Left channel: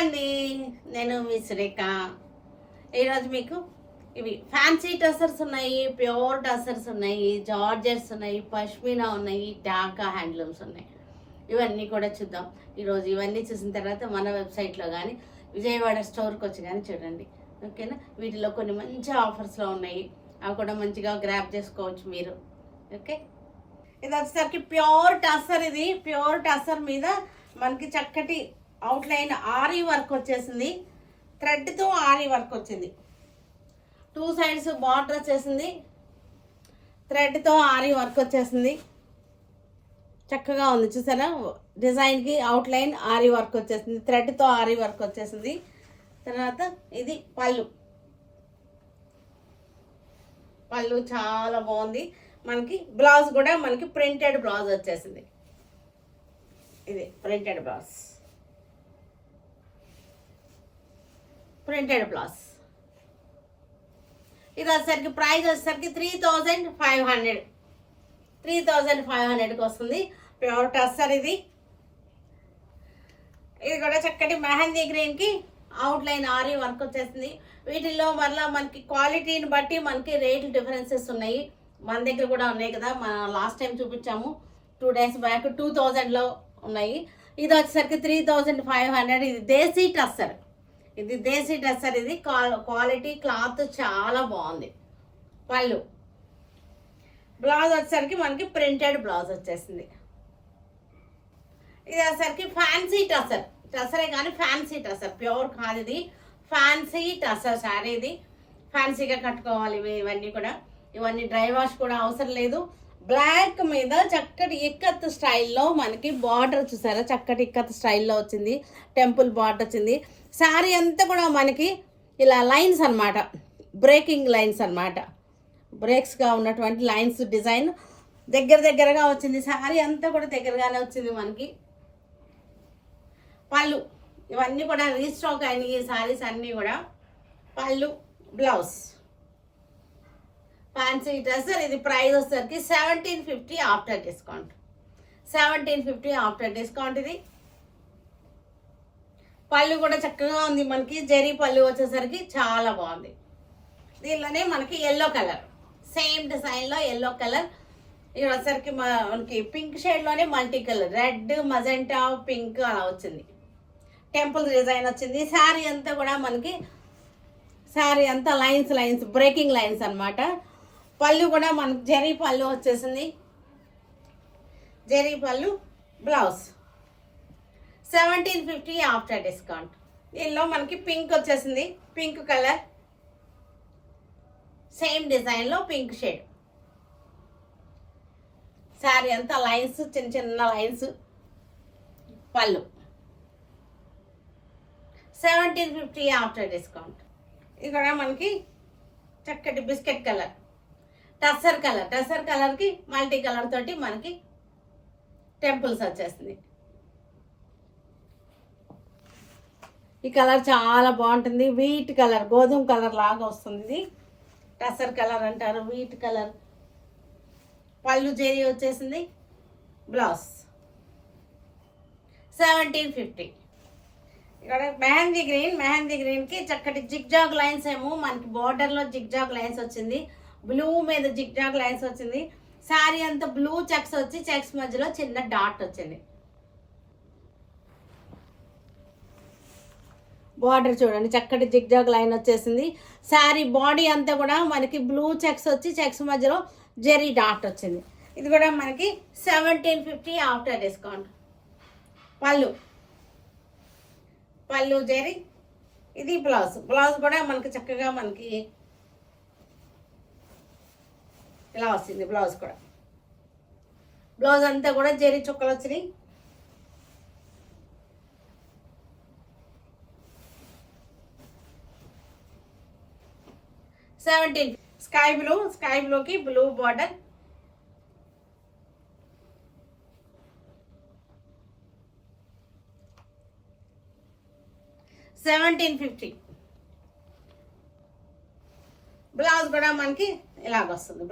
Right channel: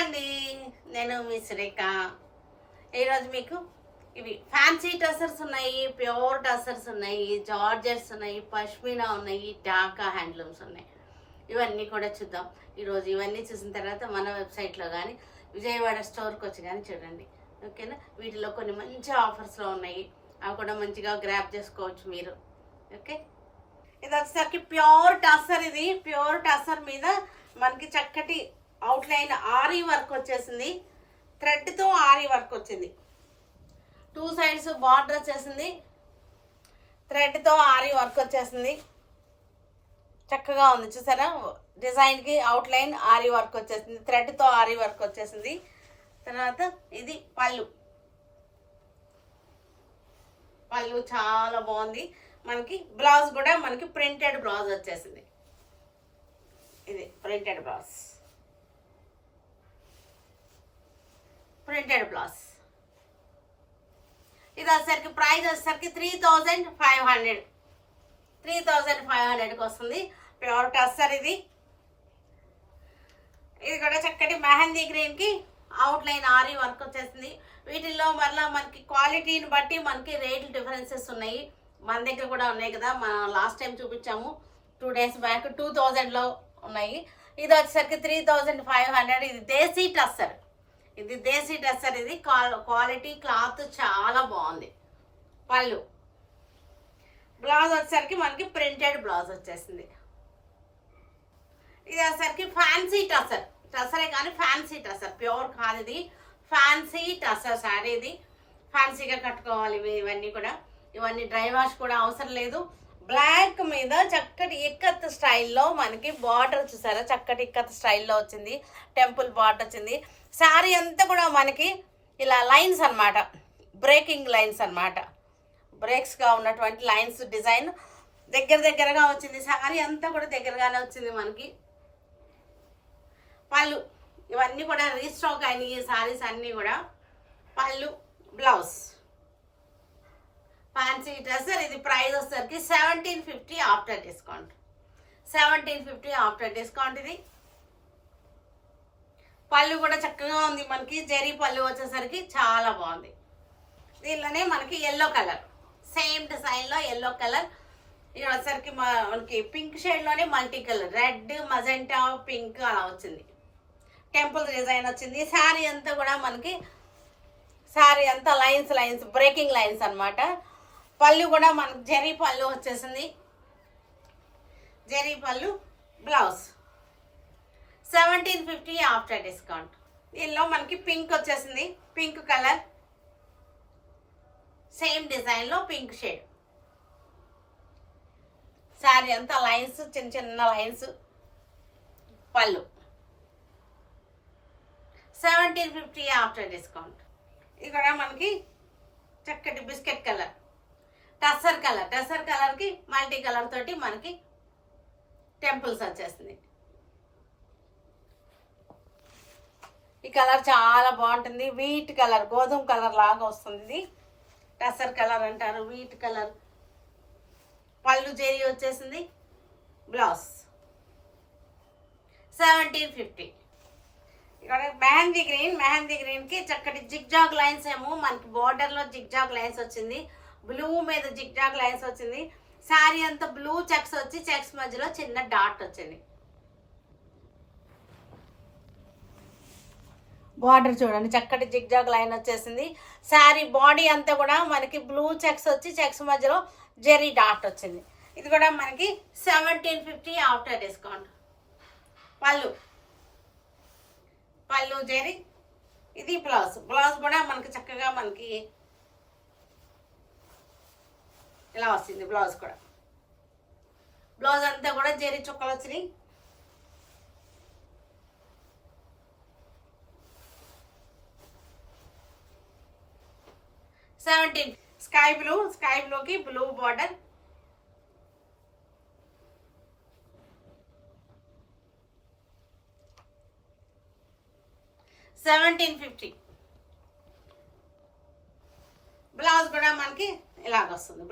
అండి, నేను మీ సురేఖ. ఈరోజు మీకు ఇవి ఫ్యాన్సీ టసర్స్ ఉన్నాయి, ప్యూర్ టసర్స్ ఉన్నాయి, జార్జెట్స్ ఉన్నాయి, పష్మీనా ఉన్నాయి, ఢాకా హ్యాండ్లూమ్స్ ఉన్నాయి. ఇవన్నీ కూడా చూద్దాం ఈరోజు. ఇవన్నీ చూసిన తర్వాత మన వెబ్సైట్లో కానీ విజయవాడ స్టోర్కి వచ్చి కానీ చూడండి, ఓకేనా. వీటిలో కొన్ని మంచి ఆఫర్స్లో ఉన్నాయి, అవి కూడా మంచిగా గ్రాప్ చేసుకోవచ్చు మీరు, ఓకే. ఇది వచ్చేసరికి ప్యూర్ టసర్. ఇది ప్యూర్ టసర్ మీద మనకి చక్కటి అవుట్లైన్ ఆరీ వర్క్ వచ్చేసింది, థ్రెడ్తో ఆరీ వర్క్ వచ్చింది. 2 సైడ్స్ బార్డర్ వచ్చేసింది, థ్రెడ్తో ఆరీ వర్క్ వచ్చేసింది. చక్కగా ఉంది చూసారా, డిజైన్కి అవుట్లైన్ ఆరీ వర్క్ వచ్చేసింది, థ్రెడ్తో ఆరీ వర్క్ వచ్చేసింది. తర్వాత ఇది పళ్ళు. పళ్ళు చాలా బాగుంది. మనకి బ్లౌజ్ కూడా మనకి ప్రింటెడ్ బ్లౌజ్ వచ్చేసింది. ఇది ప్రింటెడ్ బ్లౌజ్, ప్రింటెడ్ బ్లౌజ్. ఇది వచ్చేసరికి ప్రైస్ వచ్చేసరికి 3500. 3500కి వస్తుంది. ప్యూర్ టస్సర్ ఇది. ఇది కూడా చక్కటి మెహందీ గ్రీన్కి అవుట్లైన్ ఆరీ వర్క్ వచ్చేసింది. వీటిల్లో మరలా మనకి క్వాలిటీని బట్టి మనకి రేట్లు డిఫరెన్సెస్ ఉన్నాయి. మన దగ్గర కూడా ఉన్నాయి కదా, మనం లాస్ట్ టైం చూపించాము 2 days బ్యాక్. 2000లో ఉన్నాయి. ఇది వచ్చేసరికి 3500. ఇది దేశీ టస్సర్. ఇది దేశీ టస్సర్. ఇది క్వాలిటీ క్లాత్ చాలా బాగుంది. పళ్ళు. బ్లౌజ్ వచ్చేసరికి మనకి ప్రింటెడ్ బ్లౌజ్ వచ్చేసింది. ఇది వచ్చేసరికి ఫ్యాన్సీ టస్సర్. టస్సరే కానీ ఫ్యాన్సీ టస్సర్, ప్యూర్ కాదు ఇది. ఫ్యాన్సీ టస్సర్ శారీ. ఇది ఫ్యాన్సీగా కట్టుకోవాలి ఇవన్నీ కూడా. ఇవన్నీ డ్రై వాష్ కూడా అవసరం లేదు. బ్లాక్ మీద చక్కటి ఇక్కత్ స్టైల్లో మనకి బార్డర్ చూసారా, చక్కటి ఇక్కత్ స్టైల్లో వచ్చింది. టెంపుల్ బార్డర్ వచ్చింది. శారీ అంతా కూడా మనకి ఇలా లైన్స్ అన్నమాట, బ్రేకింగ్ లైన్స్ అన్నమాట. బ్రేక్స్గా ఉన్నటువంటి లైన్స్ డిజైన్ దగ్గరగా వచ్చింది. శారీ అంతా కూడా దగ్గరగానే వచ్చింది మనకి. పళ్ళు ఇవన్నీ కూడా రీస్టాక్ అయినాయి ఈ శారీస్ అన్నీ కూడా. పళ్ళు, బ్లౌజ్. Fancy dresser. ఇది ప్రైస్ వచ్చేసరికి 1750 ఆఫ్టర్ డిస్కౌంట్. 1750 after discount. ఇది పళ్ళు కూడా చక్కగా ఉంది మనకి. జరీ పళ్ళు వచ్చేసరికి చాలా బాగుంది. దీనిలోనే మనకి ఎల్లో కలర్, సేమ్ డిజైన్లో ఎల్లో కలర్. ఇది వచ్చేసరికి మనకి పింక్ షేడ్లోనే multi colour, red, magenta, pink అలా వచ్చింది. టెంపుల్ డిజైన్ వచ్చింది. శారీ అంతా కూడా మనకి, శారీ అంతా లైన్స్ బ్రేకింగ్ లైన్స్ అన్నమాట. పళ్ళు కూడా మనకి జరీ పళ్ళు వచ్చేసింది. జరీ పళ్ళు, బ్లౌజ్. 1750 after discount. దీనిలో మనకి పింక్ వచ్చేసింది, పింక్ కలర్, సేమ్ డిజైన్లో పింక్ షేడ్. శారీ అంతా లైన్స్, చిన్న లైన్స్. పళ్ళు 1750 ఆఫ్టర్ డిస్కౌంట్. ఇది కూడా మనకి చక్కటి biscuit colour, tussar colour. Tussar కలర్కి మల్టీ కలర్ తోటి మనకి టెంపుల్స్ వచ్చేసింది. ఈ కలర్ చాలా బాగుంటుంది. వీట్ కలర్, గోధుమ కలర్ లాగా వస్తుంది. ఇది టస్సర్ కలర్ అంటారు, వీట్ కలర్. పళ్ళు జరీ వచ్చేసింది. బ్లౌజ్ 1750. ఇక్కడ మెహందీ గ్రీన్. మెహందీ గ్రీన్కి చక్కటి జిగ్జాగ్ లైన్స్ ఏమో మనకి బార్డర్లో జిగ్జాగ్ లైన్స్ వచ్చింది. బ్లూ మీద జిగ్జాగ్ లైన్స్ వచ్చింది. శారీ అంతా బ్లూ చెక్స్ వచ్చి, చెక్స్ మధ్యలో చిన్న డాట్ వచ్చింది. బార్డర్ చూడండి, చక్కటి జిగ్జాగ్ లైన్ వచ్చేసింది. శారీ బాడీ అంతా కూడా మనకి బ్లూ చెక్స్ వచ్చి, చెక్స్ మధ్యలో జెరీ డాట్ వచ్చింది. ఇది కూడా మనకి 1750 ఆఫ్టర్ డిస్కౌంట్. పళ్ళు, పళ్ళు జెరీ. ఇది బ్లౌజ్. బ్లౌజ్ కూడా మనకి చక్కగా మనకి ఇలా వస్తుంది. బ్లౌజ్ కూడా, బ్లౌజ్ అంతా కూడా జెరీ చుక్కలు వచ్చినాయి. స్కై బ్లూ, స్కై బ్లూకి బ్లూ బార్డర్. $1750. బ్లౌజ్ కూడా మనకి ఇలాగ వస్తుంది.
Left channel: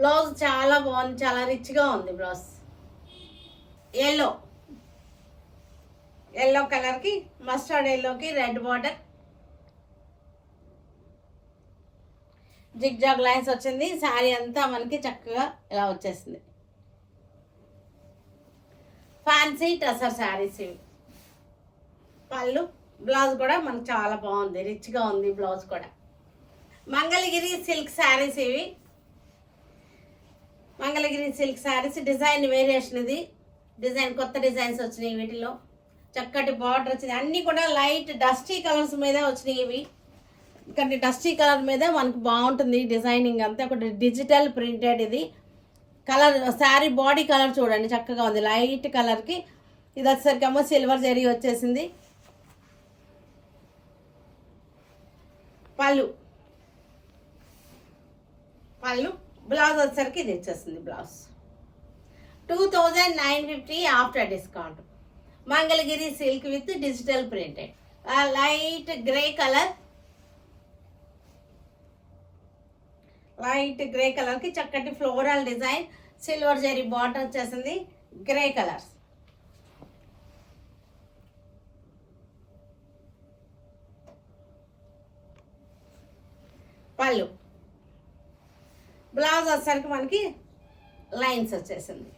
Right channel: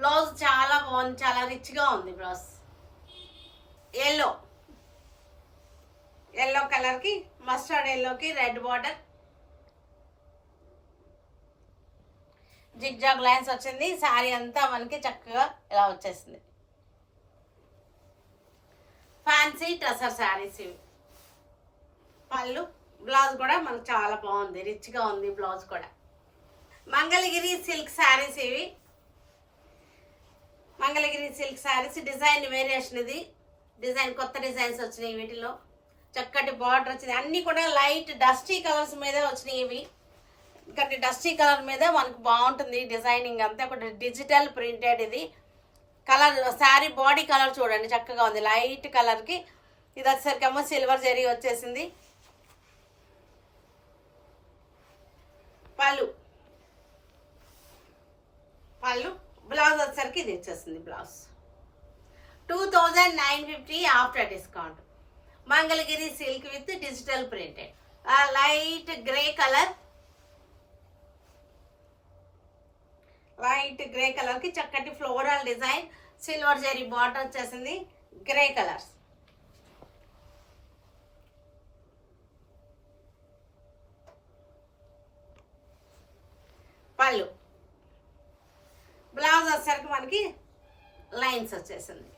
బ్లౌజ్ చాలా బాగుంది, చాలా రిచ్గా ఉంది బ్లౌజ్. ఎల్లో, ఎల్లో కలర్కి మస్టర్డ్ ఎల్లోకి red border, zig zag lines వచ్చింది. శారీ అంతా మనకి చక్కగా ఇలా వచ్చేసింది. ఫ్యాన్సీ టసర్ శారీస్ ఇవి. పళ్ళు, బ్లౌజ్ కూడా మనకు చాలా బాగుంది, రిచ్గా ఉంది బ్లౌజ్ కూడా. మంగళగిరి సిల్క్ శారీస్ ఇవి. Mangalagiri silk saris design variation ఇది. డిజైన్ కొత్త డిజైన్స్ వచ్చినాయి వీటిలో. చక్కటి బార్డర్ వచ్చింది. అన్నీ కూడా లైట్ డస్టీ కలర్స్ మీద వచ్చినాయి ఇవి. ఇక్కడ డస్టీ కలర్ మీద మనకు బాగుంటుంది డిజైనింగ్ అంతా. ఒకటి డిజిటల్ ప్రింటెడ్ ఇది. కలర్ శారీ బాడీ కలర్ చూడండి చక్కగా ఉంది, లైట్ కలర్కి. ఇది వచ్చేసరికి ఏమో సిల్వర్ జరీ వచ్చేసింది. పళ్ళు, బ్లౌజ్ వచ్చేసరికి ఇది వచ్చేసింది blouse. 2950 after discount. Mangalagiri silk with digital printed. Light grey colour, light grey కలర్కి చక్కటి floral design, silver zari border వచ్చేసింది. Grey colours. పళ్ళు, బ్లౌజ్ వచ్చేసరికి మనకి లైన్స్ వచ్చేసింది.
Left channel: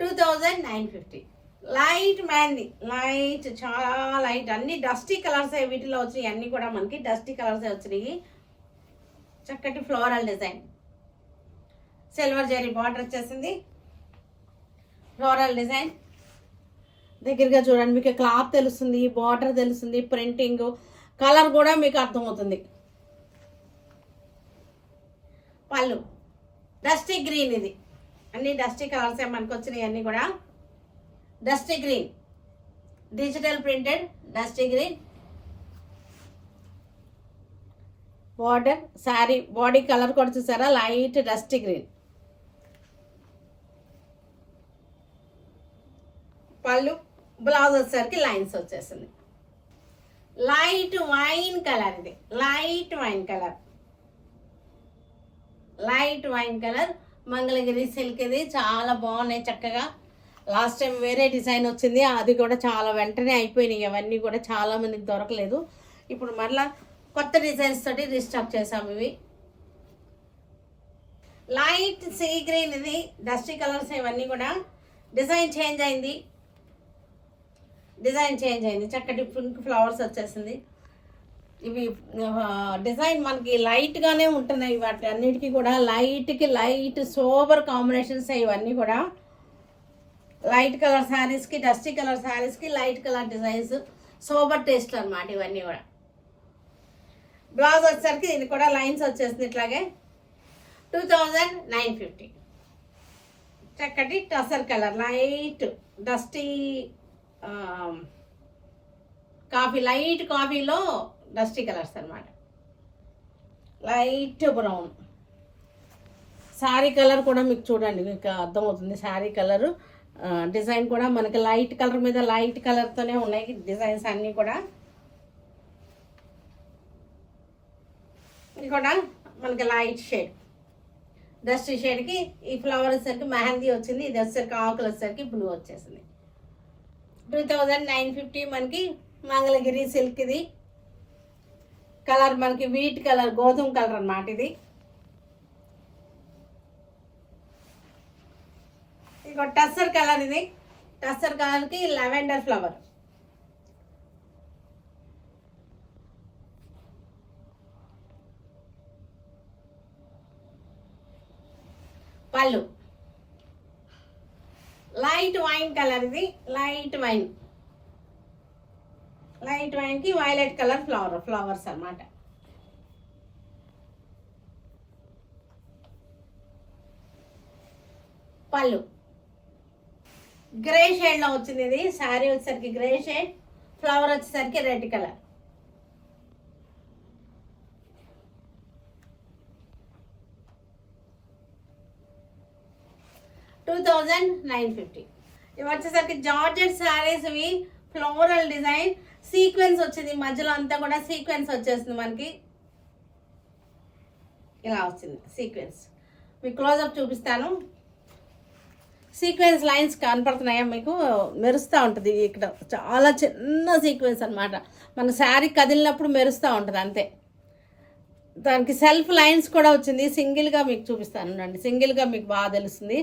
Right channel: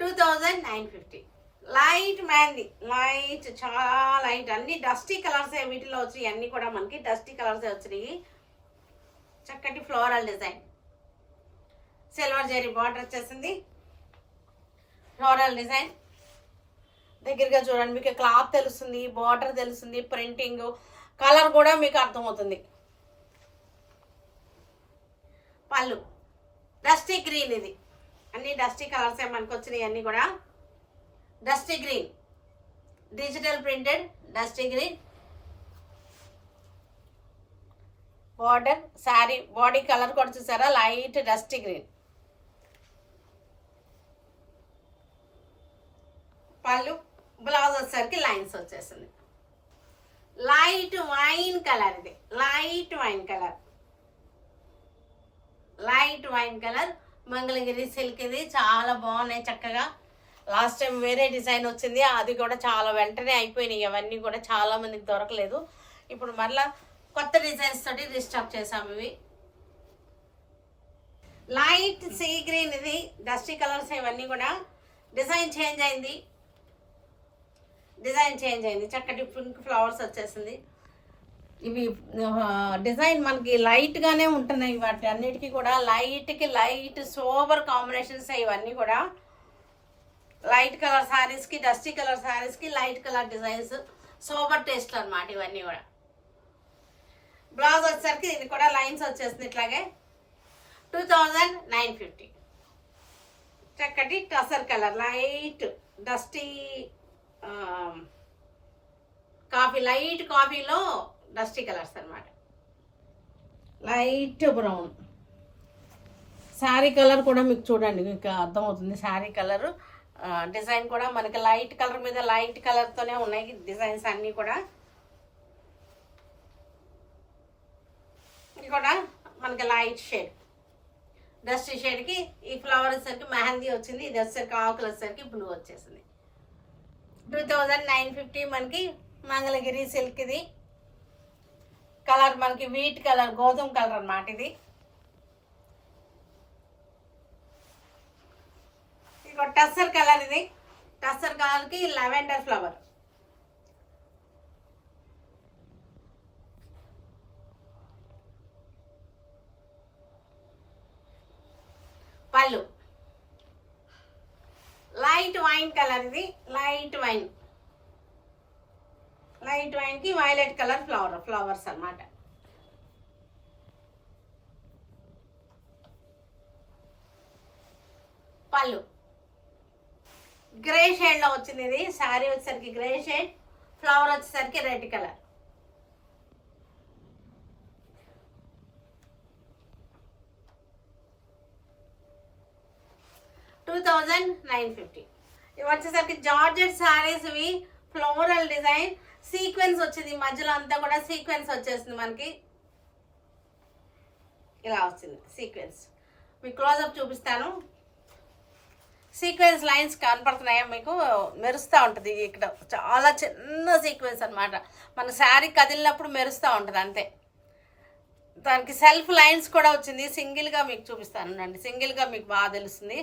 2950. లైట్ మ్యాండీ, లైట్ చాలా లైట్, అన్ని డస్టీ కలర్స్ వీటిలో వచ్చినాయి. అన్నీ కూడా మనకి డస్టీ కలర్స్ వచ్చినాయి. చక్కటి floral design, silver zari border వచ్చేసింది. ఫ్లోరల్ డిజైన్ దగ్గరగా చూడండి, మీకు క్లాత్ తెలుస్తుంది, బార్డర్ తెలుస్తుంది, ప్రింటింగ్ కలర్ కూడా మీకు అర్థమవుతుంది. పళ్ళు డస్టీ గ్రీన్, ఇది అన్ని డస్టీ కలర్స్ మనకు వచ్చినాయి. అన్నీ కూడా dusty green, digital printed dusty green. Border sari body colour కూడా చూసారా, లైట్ డస్టీ గ్రీన్. పళ్ళు, బ్లౌజ్ వచ్చేసరికి లైన్స్ వచ్చేసింది. లైట్ వైన్ కలర్, ఇది light wine colour, light wine colour Mangalagiri silk. ఇది చాలా బాగున్నాయి చక్కగా. లాస్ట్ టైం వేరే డిజైన్ వచ్చింది, అది కూడా చాలా వెంటనే అయిపోయినాయి. అవన్నీ కూడా చాలా మందికి దొరకలేదు. ఇప్పుడు మరలా కొత్త డిజైన్స్ తోటి రీస్టాక్ చేసాము ఇవి. లైట్ సీ గ్రీన్, ఇది డస్టీ కలర్స్. ఇవన్నీ కూడా డిజైన్ చేంజ్ అయింది, చక్కటి పింక్ ఫ్లవర్స్ వచ్చేసింది. ఇవి డిజైన్ మనకి లైట్గానే ఉంటున్నాయి. వాటి అన్నిటికీ కూడా లైట్కి లైట్ సోబర్ కాంబినేషన్స్. ఇవన్నీ కూడా లైట్ కలర్ శారీస్కి, డస్టీ కలర్ శారీస్కి light colour designs, sober taste అనమాట ఇవన్నీ కూడా. బ్లౌజ్ వచ్చేసరికి దీనికి కూడా లైన్స్ వచ్చేసింది ఇట్లాగే. 2950. చక్కటి tussar colour, light dusty coffee, light కాఫీలో డస్టీ కలర్స్ అనమాట. లైట్ బ్రౌన్ శారీ కలర్ కూడా మీకు చూడండి, మీకు అర్థమవుతుంది. శారీ కలరు డిజైన్ కూడా మనకి లైట్ కలర్ మీద లైట్ కలర్తోనే ఉన్నాయి డిజైన్స్ అన్నీ కూడా. ఇది కూడా మనకి లైట్ షేడ్, డస్టీ షేడ్కి ఈ ఫ్లవర్ వచ్చేసరికి మెహందీ వచ్చింది. ఇది వచ్చేసరికి ఆకులు వచ్చేసరికి బ్లూ వచ్చేసింది. 2950 మనకి మంగళగిరి సిల్క్. ఇది కలర్ మనకి వీట్ కలర్, గోధుమ కలర్ అన్నమాట. ఇది ఇంకో టస్సర్ కలర్, ఇది టస్సర్ కలర్కి లెవెండర్ ఫ్లవర్. పళ్ళు లైట్ వైన్ కలర్, ఇది లైట్ వైన్, లైట్ వైన్కి వైలెట్ కలర్ ఫ్లవర్స్ అన్నమాట. పళ్ళు గ్రే షేడ్లో వచ్చింది. ఇది శారీ వచ్చేసరికి గ్రే షేడ్, ఫ్లవర్ వచ్చేసరికి రెడ్ కలర్. $2950. ఇవి వచ్చేసరికి జార్జెట్ శారీస్. ఇవి ఫ్లోరల్ డిజైన్, సీక్వెన్స్ వచ్చింది మధ్యలో అంతా కూడా. సీక్వెన్స్ వచ్చేసింది మనకి, ఇలా వచ్చింది సీక్వెన్స్. మీకు క్లోజప్ చూపిస్తాను. సీక్వెన్స్ లైన్స్ కనపడుతున్నాయా మీకు? మెరుస్తూ ఉంటుంది ఇక్కడ, చాలా చిన్న సీక్వెన్స్ అనమాట. మన శారీ కదిలినప్పుడు మెరుస్తూ ఉంటుంది అంతే. దానికి సెల్ఫ్ లైన్స్ కూడా వచ్చింది. సింగిల్గా మీకు చూపిస్తాను, సింగిల్గా మీకు బాగా తెలుస్తుంది.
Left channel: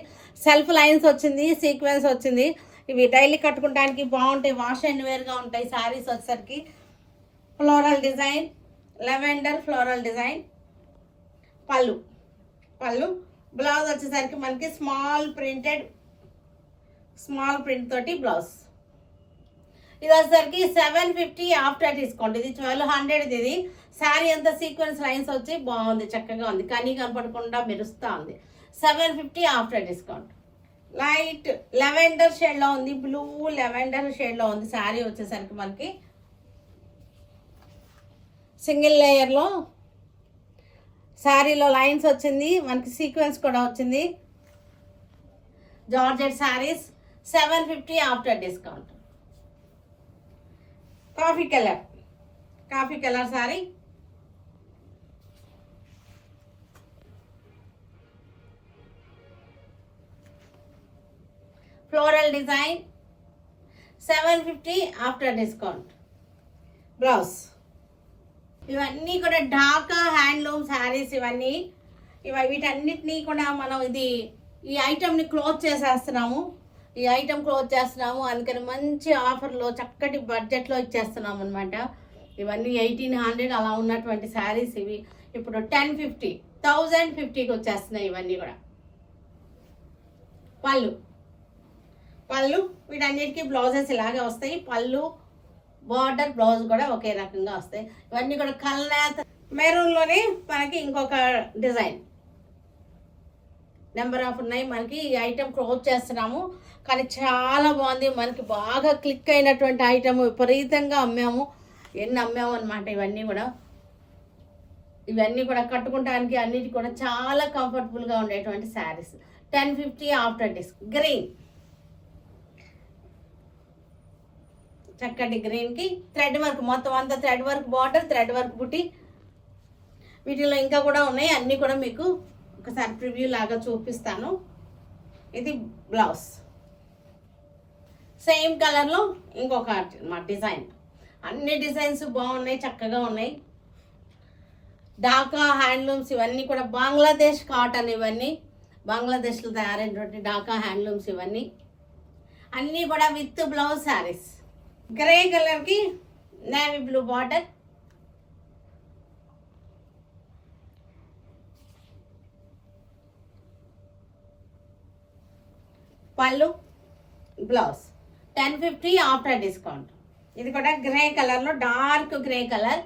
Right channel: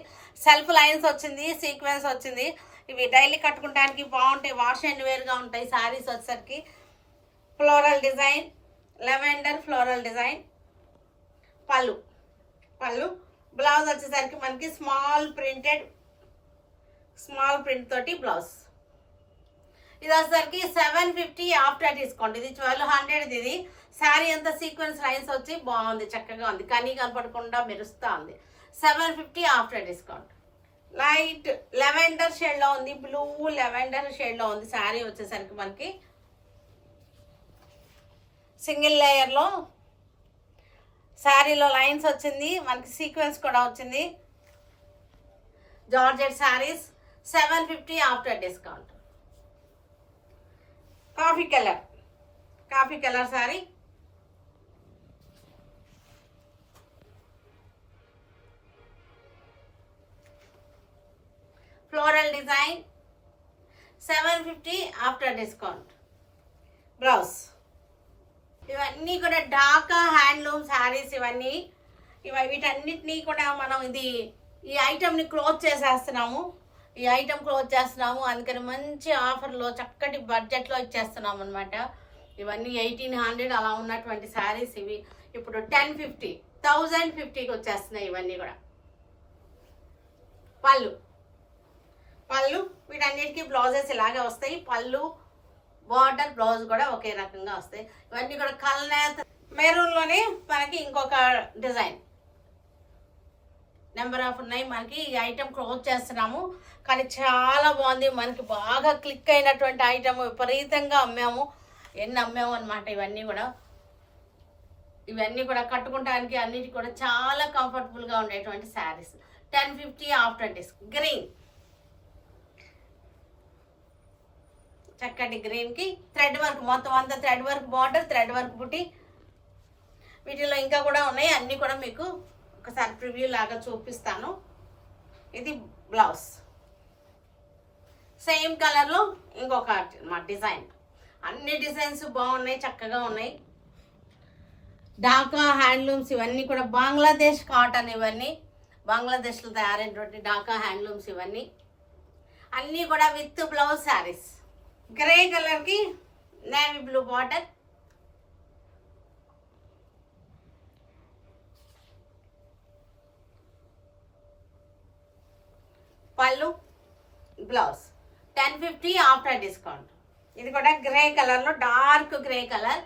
సెల్ఫ్ లైన్స్ వచ్చింది, సీక్వెన్స్ వచ్చింది. ఇవి డైలీ కట్టుకోవడానికి బాగుంటాయి, వాష్ అండ్ వేర్గా ఉంటాయి. శారీస్ వచ్చేసరికి floral design, lavender floral design. పళ్ళు బ్లౌజ్ వచ్చేసరికి మనకి స్మాల్ ప్రింట్ తోటి బ్లౌజ్. ఇది వచ్చేసరికి 750 ఆఫ్టర్ డిస్కౌంట్. ఇది 1200. ఇది శారీ అంతా సీక్వెన్స్ లైన్స్ వచ్చి బాగుంది, చక్కగా ఉంది, కానీ కనపడకుండా మెరుస్తూ ఉంది. 750 ఆఫ్టర్ డిస్కౌంట్. లైట్ లెవెండర్ షేడ్లో ఉంది, బ్లూ లెవెండర్ షేడ్లో ఉంది. శారీ వచ్చేసరికి మనకి సింగిల్ లేయర్లో శారీలో లైన్స్ వచ్చింది, మనకి సీక్వెన్స్ కూడా వచ్చింది. Georgette saris 750 after discount. Coffee colour sari, floral design 750 after discount. Blouse. ఇవన్నీ కూడా ఢాకా హ్యాండ్లూమ్ శారీస్. వీటన్నిటినీ కూడా మనం ఈ ఐటమ్ని క్లోజ్ చేసేస్తున్నాము. అందుకని మంచి ఆఫర్లో చక్కటి బడ్జెట్లో ఇచ్చేస్తున్నాము అనమాట. ఇవన్నీ 1800 అలా ఉన్నటువంటి శారీస్ ఇవి ఇప్పుడు 1050కి వచ్చేస్తున్నాయి. ఇవన్నీ కూడా పళ్ళు వీటన్నిటికీ బ్లౌజెస్ ఇలాగే వస్తాయి. పళ్ళు బార్డర్ బ్లౌజ్ కూడా ఒకే రకంగా వస్తాయి. ఇవన్నీ కూడా కలర్ మెరూన్లోనే మనకి ఇంకొక డిజైన్ నెంబర్ ఆఫ్ ఉన్నాయి. మనకి ఈ ఐటమ్ క్లోజ్ చేస్తున్నాము, కానీ చాలా బాగుంది. మనకి బాగా క్లిక్ అయినటువంటి ఐటమ్, విపరీతంగా అమ్మాము అనమాట. ఇవన్నీ కూడా కట్టుకోవడానికి అన్నిటి కూడా చాలా కంఫర్టబుల్గా ఉండేటువంటి శారీస్. 1050 after discount. గ్రీన్, చక్కటి గ్రీన్కి థ్రెడ్ వర్క్, మొత్తం అంతా thread work border, thread work బుట్టి. వీటిలో ఇంకా కూడా ఉన్నాయి, అన్నీ కూడా మీకు ఒకసారి ప్రివ్యూ లాగా చూపిస్తాను. ఇది బ్లౌజ్, సేమ్ కలర్లో ఇంకొక డిజైన్. అన్ని డిజైన్స్ బాగున్నాయి, చక్కగా ఉన్నాయి. ఢాకా హ్యాండ్లూమ్స్ ఇవన్నీ కూడా బంగ్లాదేశ్ కాటన్. ఇవన్నీ బంగ్లాదేశ్లో తయారైనటువంటి ఢాకా హ్యాండ్లూమ్స్. ఇవన్నీ అన్నీ కూడా విత్ బ్లౌజ్ శారీస్. గ్రే కలర్కి నేవీ బ్లూ బార్డర్, పళ్ళు బ్లౌజ్. 1050 after discount. ఇది కూడా గ్రే కలర్లో, డార్క్ గ్రే కలర్.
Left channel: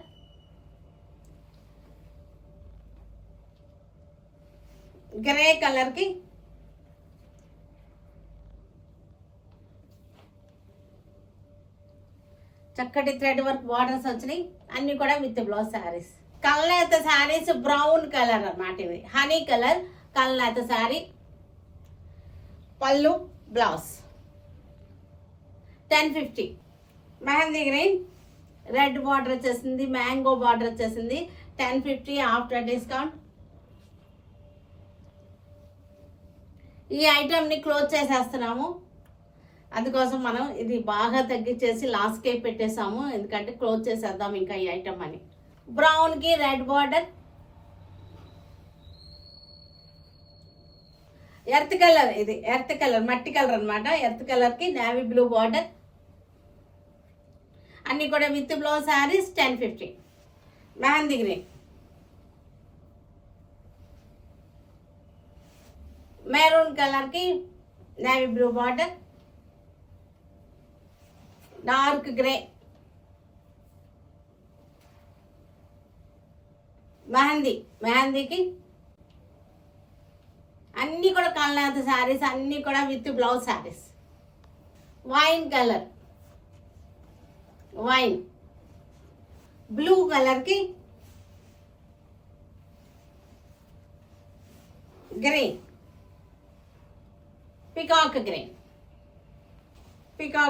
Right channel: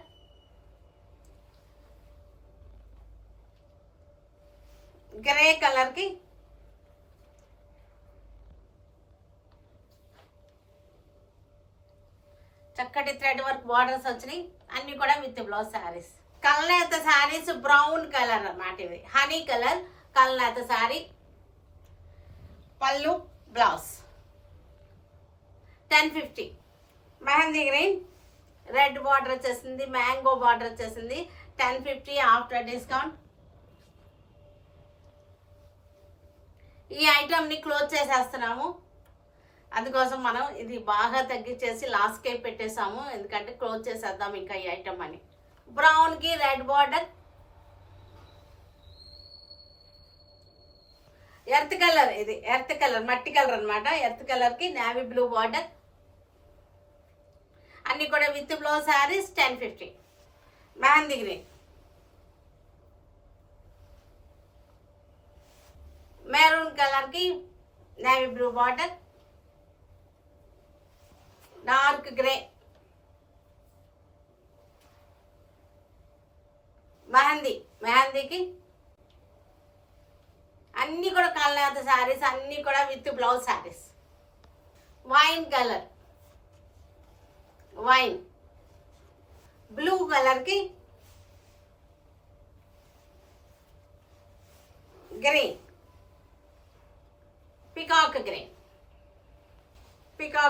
గ్రే కలర్కి చక్కటి థ్రెడ్ వర్క్ బార్డర్స్ వచ్చినాయి. అన్ని కూడా విత్ బ్లౌజ్ శారీస్. కల్నేత శారీస్ బ్రౌన్ కలర్ అన్నమాట. ఇది హనీ కలర్ కల్నేత శారీ. పళ్ళు blouse 1050. Mehndi green red border వచ్చేసింది, మ్యాంగో బార్డర్ వచ్చేసింది. 1050 ఆఫ్టర్ డిస్కౌంట్. ఈ ఐటమ్ని క్లోజ్ చేసేస్తున్నాము, అందుకోసం మనం ఇది బాగా తగ్గించేసి లాస్ట్కే పెట్టేసాము, ఎందుకంటే క్లోజ్ చేసేద్దాం ఇంకా ఈ ఐటమ్ అని. బ్రౌన్కి రెడ్ బార్డర్, ఎర్త్ కలర్. ఇది ఎర్త్ కలర్, మట్టి కలర్ అనమాట. ఎర్త్ కలర్కి నేవీ బ్లూ బార్డర్. అన్నీ కూడా with blouse saris. 1050. Mehndi green, maroon కలర్కి navy blue border, dark grey, మెహందీకి అన్నీ కూడా కల్నేత శారీస్, అన్నీ కూడా with blouse saris. Wine colour, wine blue కలర్కి గ్రీన్, పికాక్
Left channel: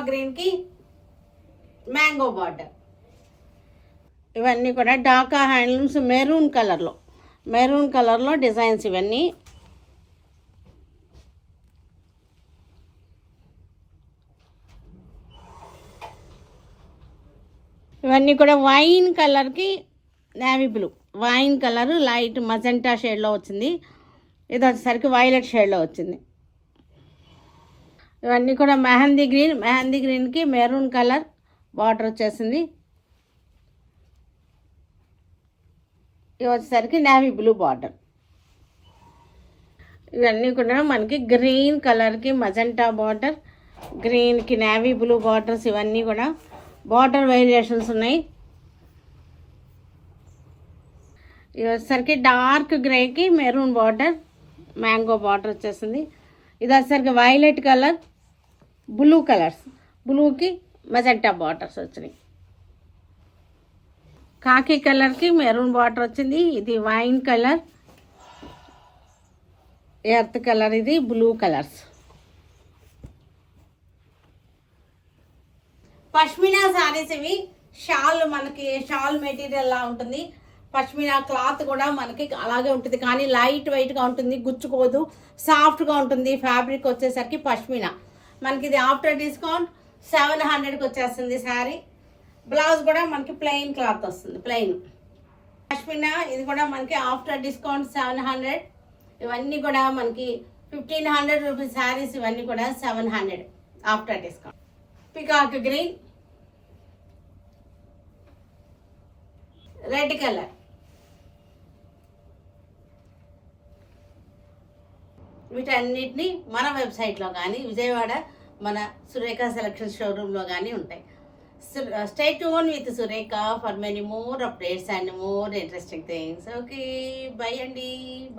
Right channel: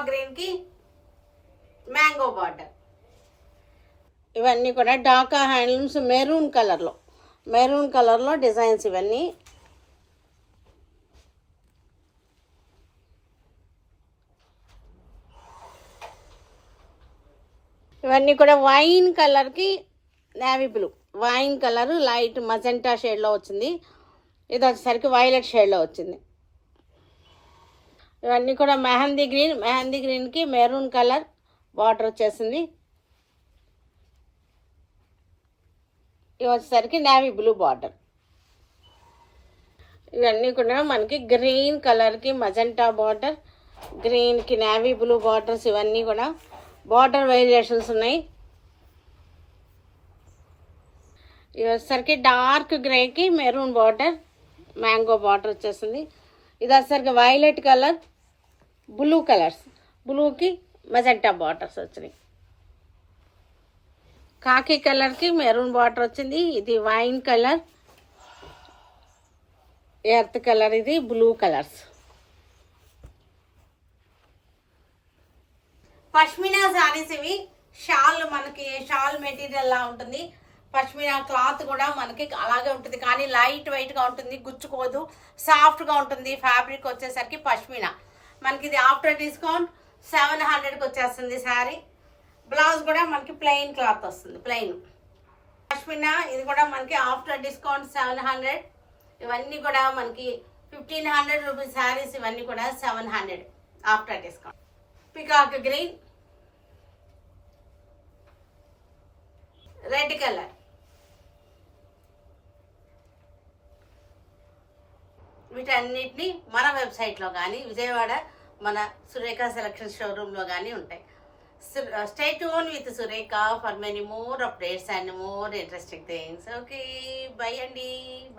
గ్రీన్కి మ్యాంగో బార్డర్. ఇవన్నీ కూడా ఢాకా హ్యాండ్లూమ్స్ మెరూన్ కలర్లో డిజైన్స్. ఇవన్నీ ఇవన్నీ కూడా వైన్ కలర్కి navy blue, wine colour light magenta షేడ్లో వచ్చింది. ఇది వచ్చేసరికి వైలెట్ షేడ్లో వచ్చింది. ఇవన్నీ కూడా మెహందీ గ్రీన్కి మెరూన్ కలర్ బార్డర్ వచ్చేసింది. ఇవి వచ్చేసరికి నేవీ బ్లూ బార్డర్. ఇవన్నీ కూడా మనకి గ్రీన్ కలర్కి మజెంటా బార్డర్, గ్రీన్కి నేవీ బ్లూ బార్డర్స్. ఇవన్నీ కూడా బార్డర్ వేరియేషన్స్ ఉన్నాయి. ఇవి వచ్చేసరికి డార్క్ గ్రేకి మెరూన్ బార్డర్, మ్యాంగో బార్డర్ వచ్చేసింది. ఇది వచ్చేసరికి వైలెట్ కలర్, బ్లూ కలర్స్, బ్లూకి మజెంటా బార్డర్స్ వచ్చినాయి. కాకి కలర్కి మెరూన్ బార్డర్ వచ్చింది. ఇది వైన్ కలర్, ఎర్త్ కలర్, ఇది బ్లూ కలర్స్. పష్మినా సారీస్ ఇవి. షాల్ మనకి షాల్ మెటీరియల్ లా ఉంటుంది. పష్మినా క్లాత్ కూడా మనకి అలాగే ఉంటుంది, కానీ లైట్ వెయిట్గా ఉంటుంది, గుచ్చుకోదు, సాఫ్ట్గా ఉంటుంది. ఫ్యాబ్రిక్ వచ్చేసరికి పష్మినా మనకి ఇది ఆఫ్టర్ డిస్కౌంట్ 700కి వచ్చేస్తుంది శారీ. బ్లౌజ్ కూడా మనకి ప్లెయిన్ క్లాత్ వస్తుంది, ప్లెయిన్ పష్మినా. ఇది కూడా మనకి ఆఫ్టర్ డిస్కౌంట్ 700. ఇవన్నీ కూడా మనకి 1500 రూపీస్ శారీస్. ఇవన్నీ కూడా 700 after discount. Peacock green, red colour, వీటన్నిటిని మన వెబ్సైట్లో కానీ విజయవాడ మన సురేఖ సెలక్షన్ షోరూంలో కానీ ఉంటాయి. Stay tuned with Surekha for many more updates and more interesting things. Okay, bye Andy.